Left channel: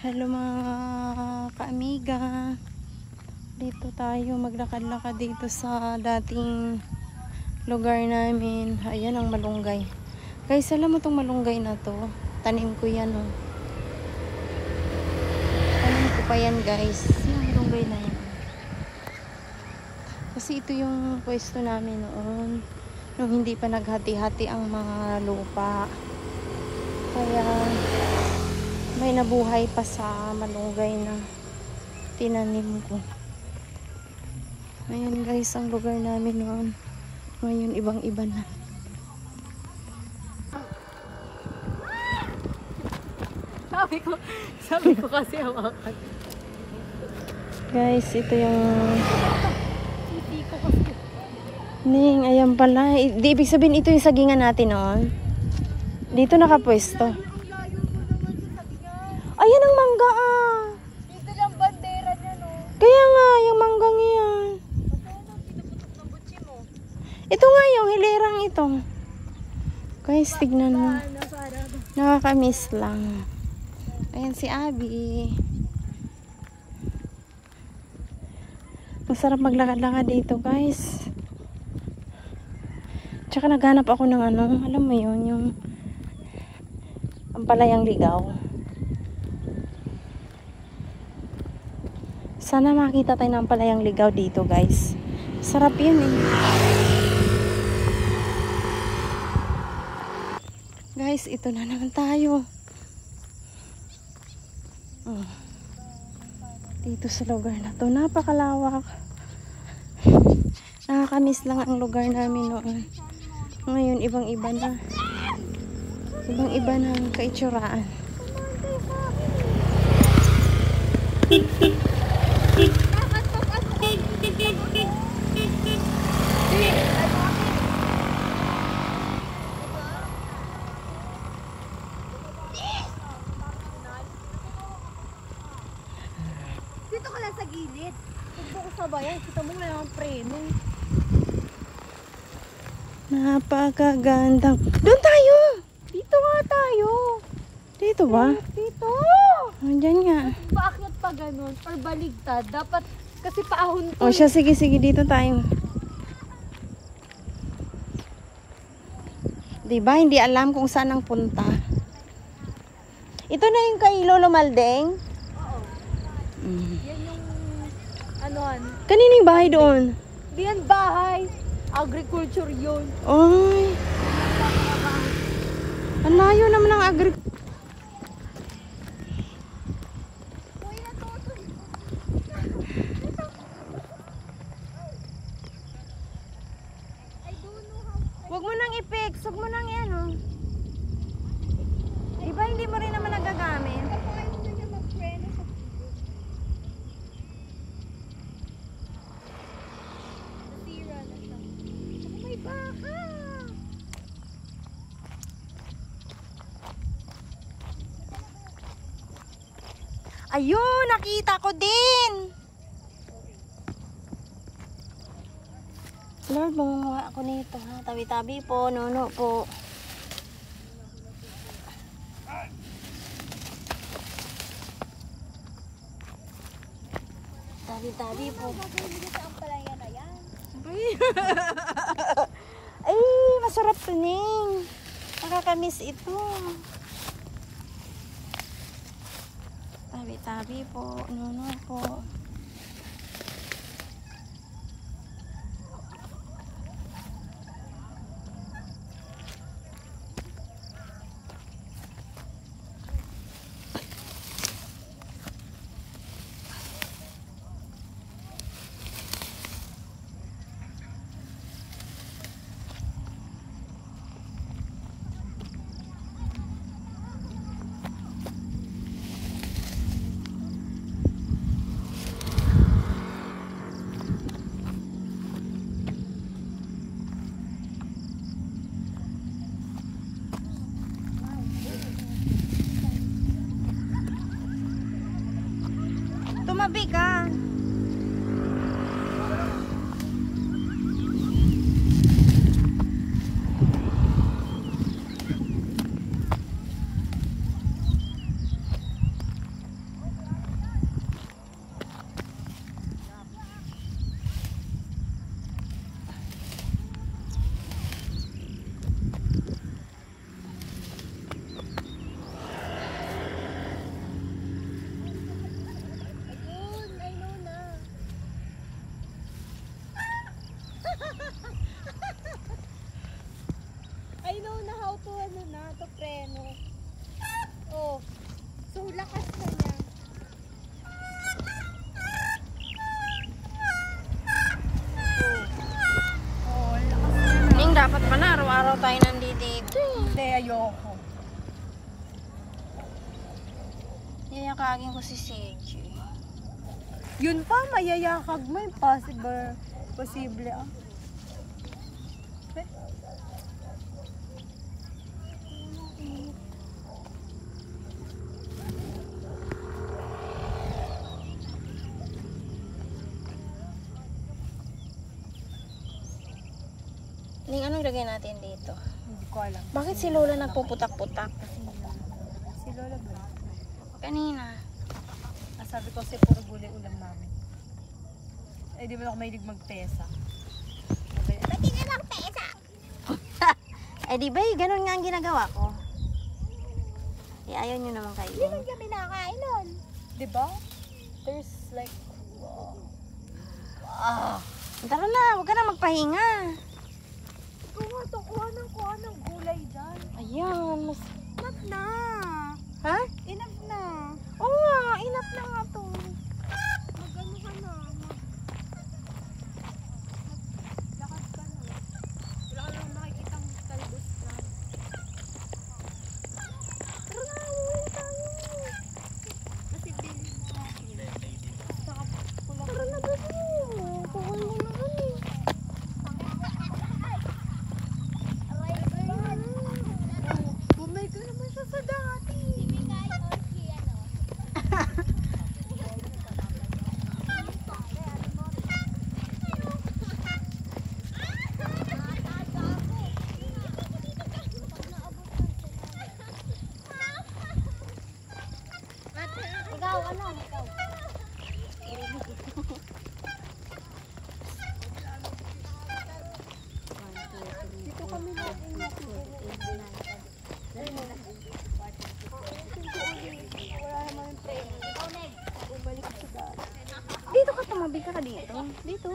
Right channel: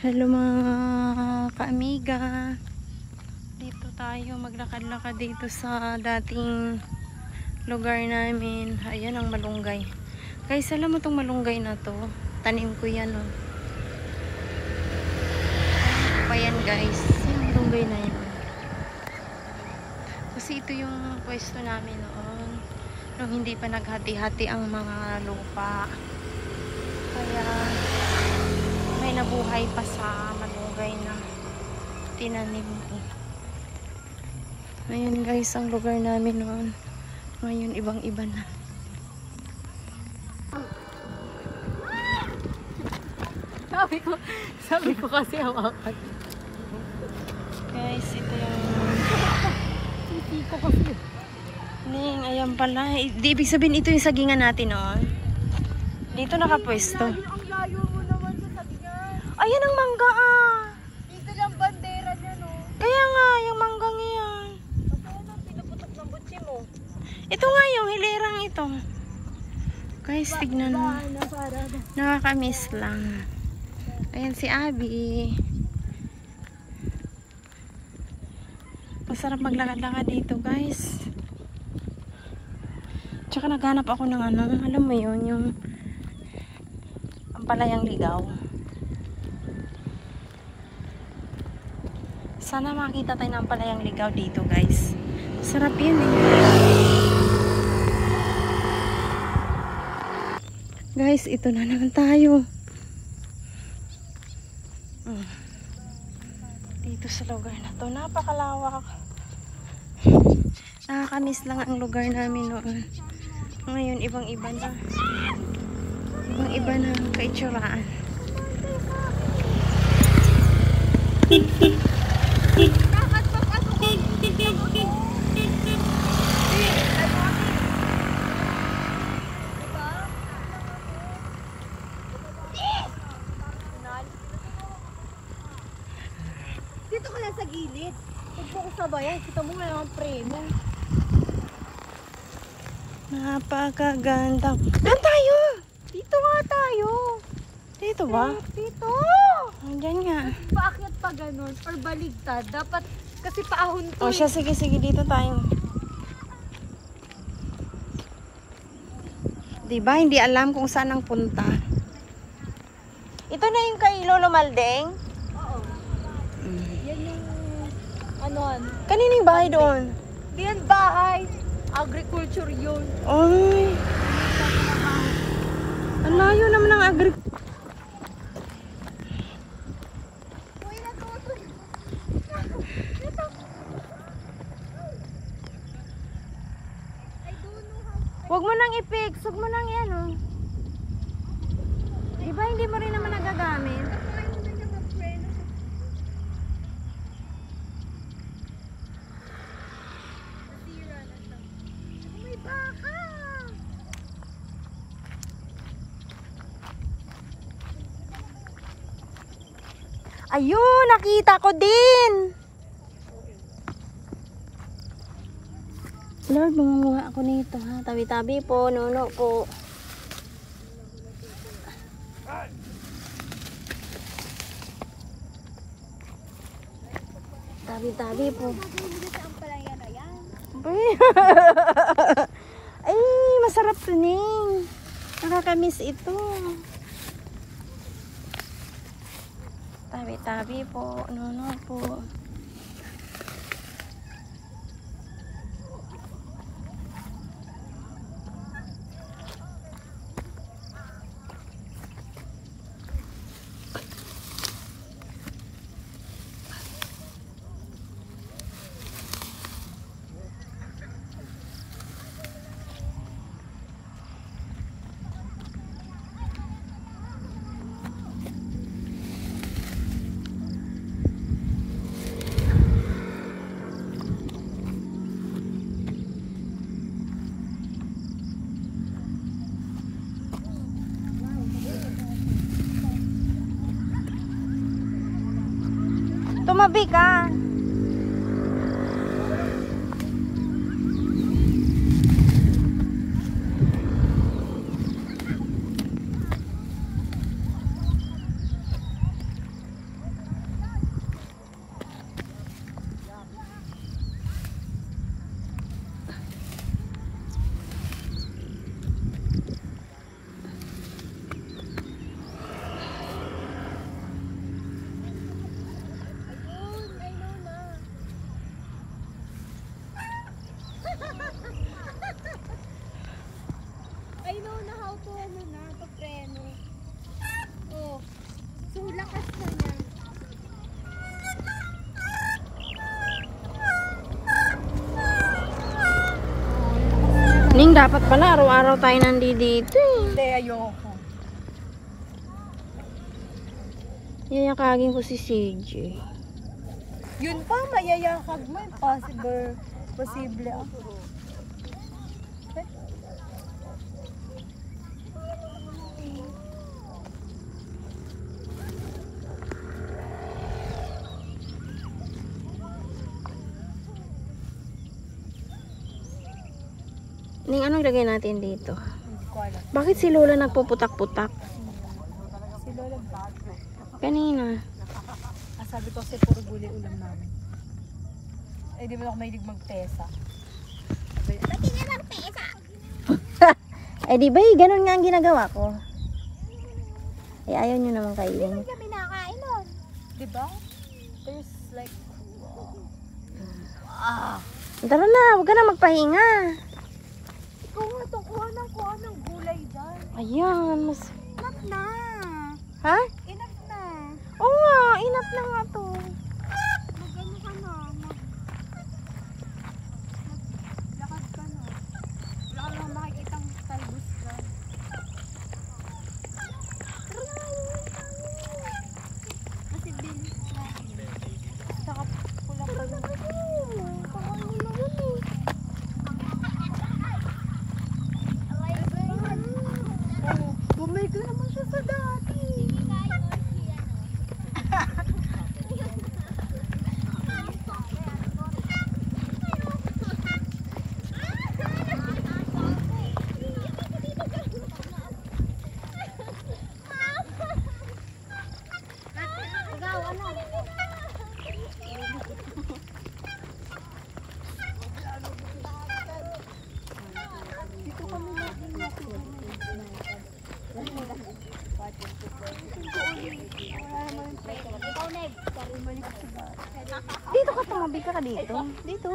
Hello mga kaamiga. Dito tayo maglakad-lakad dito sa dating lugar namin. Ayan ang malunggay. Guys, alam mo tong malunggay na to? Tanim ko yan, oh. Tanim ko pa yan, guys. Yung malunggay na yan, oh. Kasi ito yung pwesto namin noon. Nung hindi pa naghati-hati ang mga lupa. Kaya may nabuhay pa sa malunggay na tinanim ko. Ayan guys, ang lugar namin noon. Ngayon ibang-iba na. Sabi ko kasi hawakan. Guys, ito yung titi ko kasi. Ning, ayan pala. Di ibig sabihin ito yung sagingan natin noon. Dito nakapwesto. Ayan ang mangga ah. Dito lang bandera niya, no? Kaya nga, yung manggang yan. Paano pinuputok ng butsi mo? Ito nga yung hilirang ito. Guys, tignan mo. Nakakamiss lang. Ayan si Abby. Masarap maglakad-lakad dito, guys. Tsaka naghanap ako ng ano, alam mo yun, yung palayang ligaw. Sana makita tayo ng palayang ligaw dito, guys. Sarap yan eh. Guys, ito na naman tayo. Oh. Dito sa lugar na to, napakalawak. Nakakamiss lang ang lugar namin noon. Ngayon, ibang-iba na. Ibang-iba na ang kaitsuraan. Dito ka lang sa gilid. Dito ko sabayan. Kita mo may mga preno. Napakagandang. Doon tayo! Dito nga tayo. Dito ba? Dito. Nandiyan nga. Bakit pa ganun? Or baligtad? Dapat kasi paahon to. O siya, sige, dito tayo. Diba? Hindi alam kung saan ang punta. Ito na yung kay Lolo Maldeng? Oo. Yan yung ano. Kanining bahay doon? Di yan bahay. Agriculture yun. Ay. Ang layo naman ng agriculture. Huwag mo nang i-fix. Huwag mo nang yan, oh. Diba hindi mo rin naman nagagamit? Ayun, nakita ko din. Lord, mangunguha ako nito, ha. Tabi-tabi po, nuno po. Tabi-tabi po. Ay, masarap to, Ning. Nakakamiss ito. Tabi-tabi po, nuno po. Tumabi ka. lakas na niya. Oh, lakas na. Ning, dapat pala araw-araw tayo nandito eh. Hindi, ayoko. Yayakagin ko si CJ. Yun pa, mayayakag mo. Posible ah. Ning, anong lagay natin dito? Hindi ko alam. Bakit si Lola nagpuputak-putak? Si Lola ba? Kanina. Sabi ko kasi puro gulay ulam namin. Eh, di ba ako mahilig magpesa? Pati na lang pesa! Eh, di ba ganun nga ang ginagawa ko? Eh, ayaw nyo naman kainin. Hindi kami pinakain nun. Di ba? There's like... Tara na, huwag ka na magpahinga. Ikaw nga itong kuha ng gulay dyan. Ayan. Enough na! Ha? Enough na! Oo nga, inap na nga to. Mag-ano ka na? Lakas ka na. Wala ka lang makikita ang talbos ka. Kasi din. Saka bumay ka naman siya sa dati. Dito ka, tumabi ka dito. Dito.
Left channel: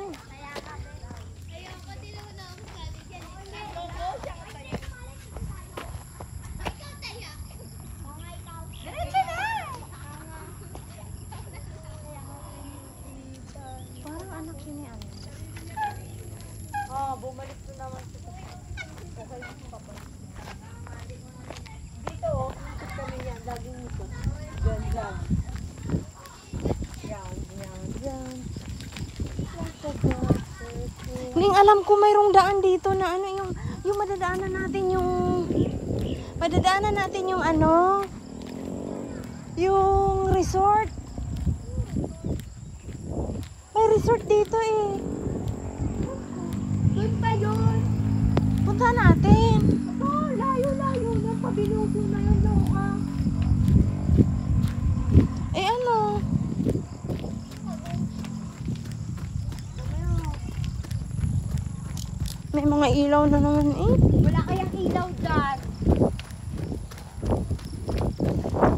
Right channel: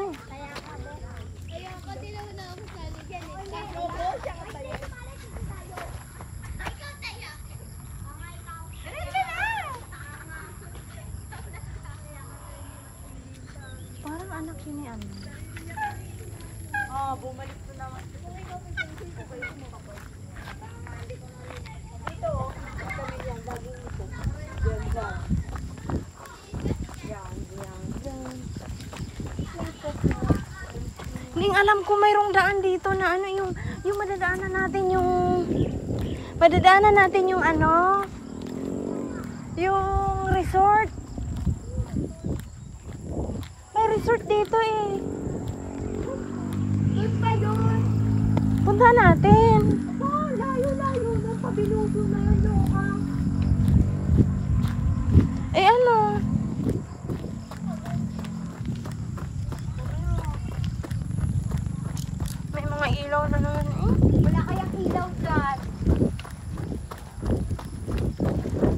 Parang anak yun ni Ano. Bumalik to naman. Ning, alam ko mayroong daan dito na ano yung madadaanan natin yung ano yung resort. May resort dito eh. Doon pa yun. Punta natin. Oh, layo-layo na. Pabilugo na yan, loka. Eh ano? May mga ilaw na naman eh. Wala kayang ilaw dyan.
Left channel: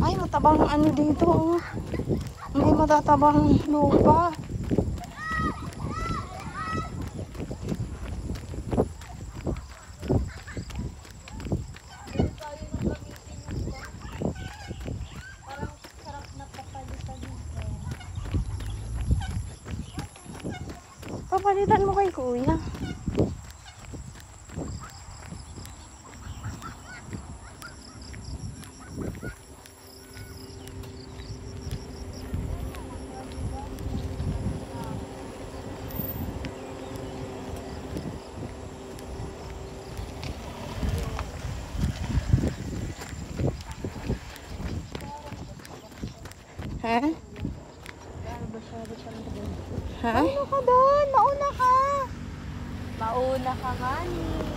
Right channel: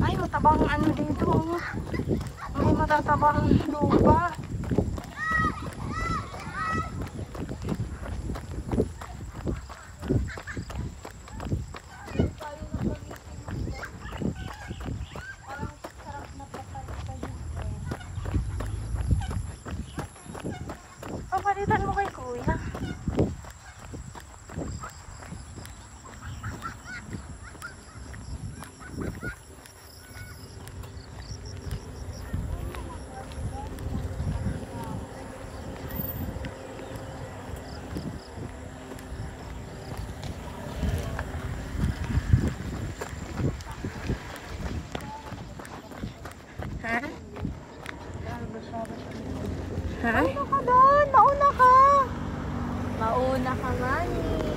Ay, matabang ano dito oh. May matatabang lupa. Pagpalitan mo kay kuya. Ha? Ha? Mauna ka doon. Mauna ka. Mauna ka, Mani.